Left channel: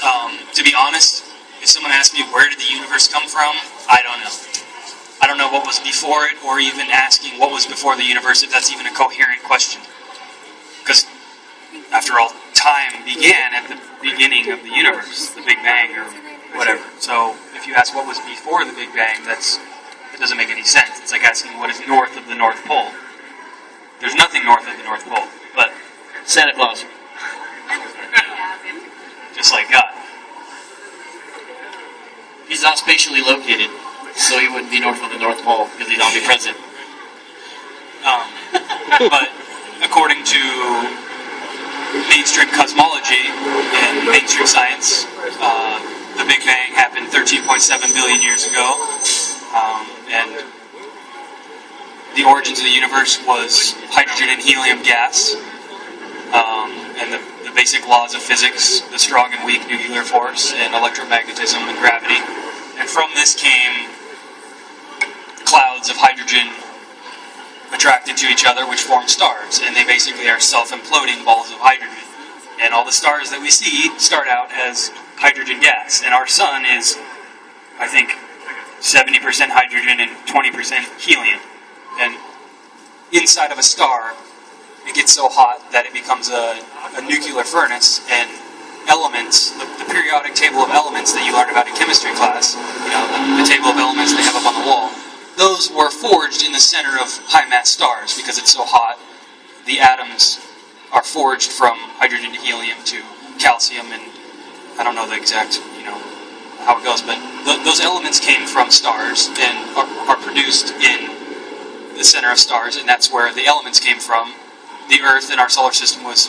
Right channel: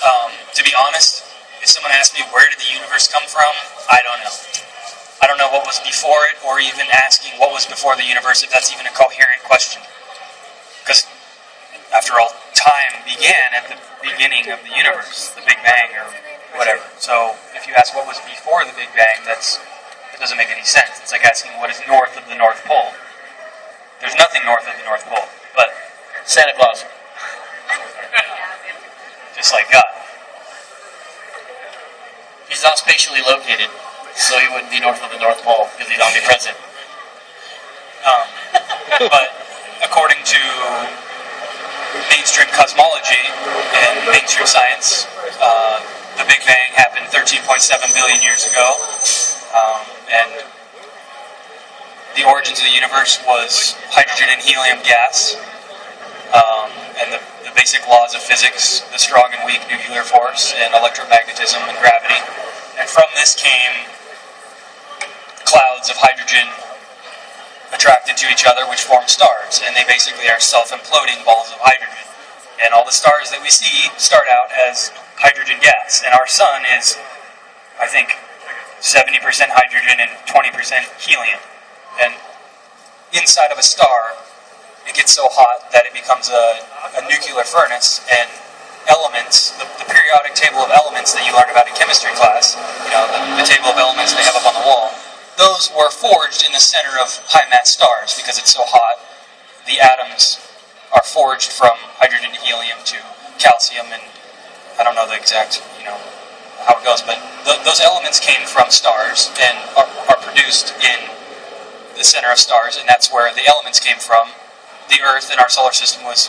universe, to be honest, if someone asked me where did the universe come from, I don't know. I don't know what was before it, or even asking what was before the universe, if that's even a coherent question. Because, after all, time began at the beginning of the universe, the Big Bang, or whatever. So, if you ask what was before the Big Bang, that doesn't make any sense. It's like asking what is north of the North Pole. There's nothing north of the North Pole, but Santa Claus. Just like God. He's not spatially located, so he wouldn't be north of the North Pole because he's omnipresent. But according to mainstream cosmology and mainstream science, the Big Bang happened 13.7 billion years ago, and the origins of the universe was hydrogen and helium gas, and the basic laws of physics, the strong and weak nuclear force, and electromagnetism and gravity. And from this came clouds of hydrogen attracted to each other, which form stars, and they basically are self-imploding balls of hydrogen. And all the stars that we see start out as hydrogen gas, and our sun is, I think, 70% hydrogen and 20% helium. And inside of a star, it gets so hot that it becomes a nuclear furnace, and elements, the periodic table of elements that you learned about in chemistry class, the table of elements they have up on the wall, those were forged in the center of high-mass stars because it's so hot. The atoms are forged from hydrogen to helium to calcium, and I don't know the exact, how it goes, but those elements came from stars and are produced in the center of stars, and that's where the elements came from. The Earth in our solar system was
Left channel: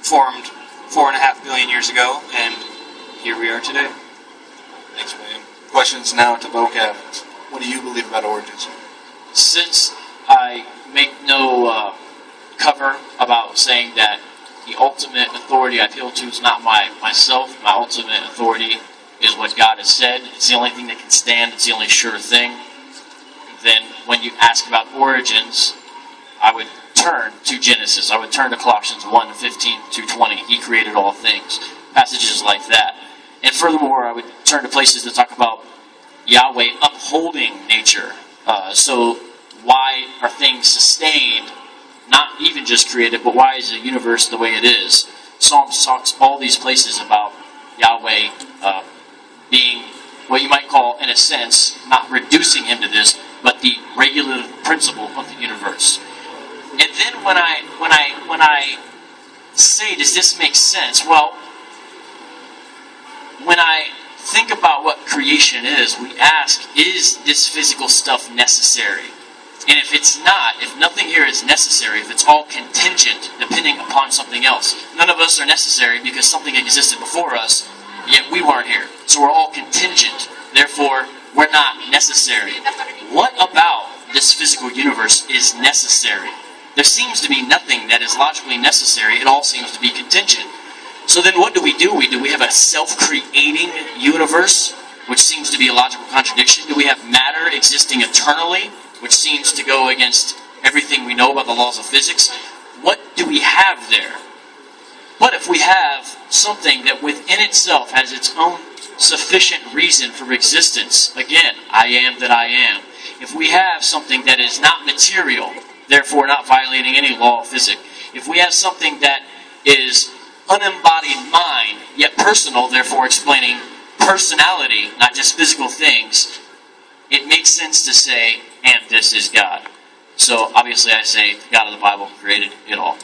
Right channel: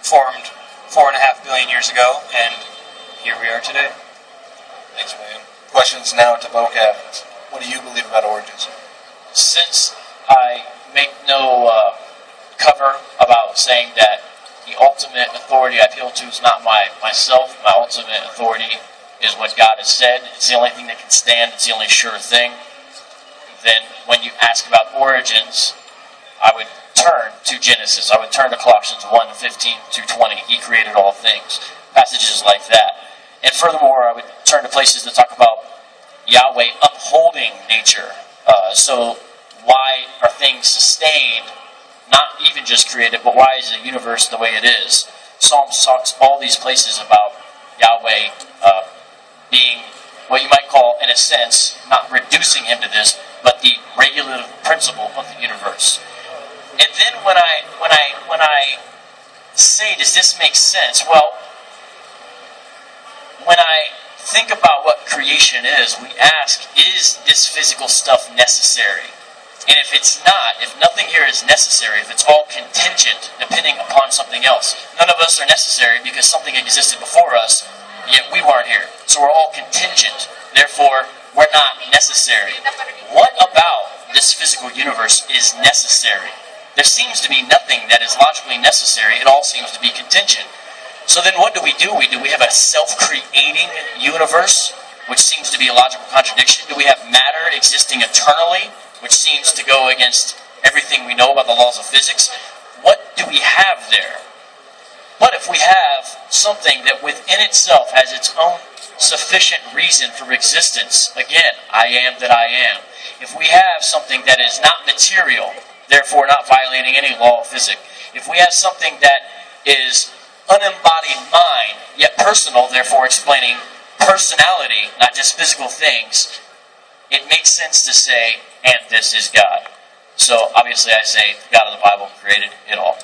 formed 4.5 billion years ago, and here we are today. Thanks, William. Questions now to vocab. What do you believe about origins? Since I make no cover about saying that the ultimate authority I appeal to is not myself, my ultimate authority is what God has said. It's the only thing that can stand. It's the only sure thing. Then when you ask about origins, I would turn to Genesis. I would turn to Colossians 1:15-20. He created all things. Passages like that. And furthermore, I would turn to places that talk about Yahweh upholding nature. So why are things sustained? Not even just created, but why is the universe the way it is? Psalms talks all these places about Yahweh being what you might call, in a sense, not reducing him to this, but the regulative principle of the universe. And then when I say, does this make sense? Well, when I think about what creation is, we ask, is this physical stuff necessary? And if it's not, if nothing here is necessary, if it's all contingent, depending upon something else, none of us are necessary because something existed before us, yet we weren't here. So we're all contingent. Therefore, we're not necessary. What about this physical universe is necessary? There seems to be nothing that is logically necessary. It all seems to be contingent. So then what do? We have a self-creating universe, which seems to be a logical contradiction? Do we have matter existing eternally, which seems to go against everything we know about the laws of physics? What do we have there? But if we have something that within itself has its own sufficient reason for existence, again, I am that I am. If we have something that is not material, therefore not violating any law of physics, if we have something that is unembodied mind, yet personal, therefore explaining personality, not just physical things, it makes sense to say, and this is God. So obviously I say, God of the Bible created it all.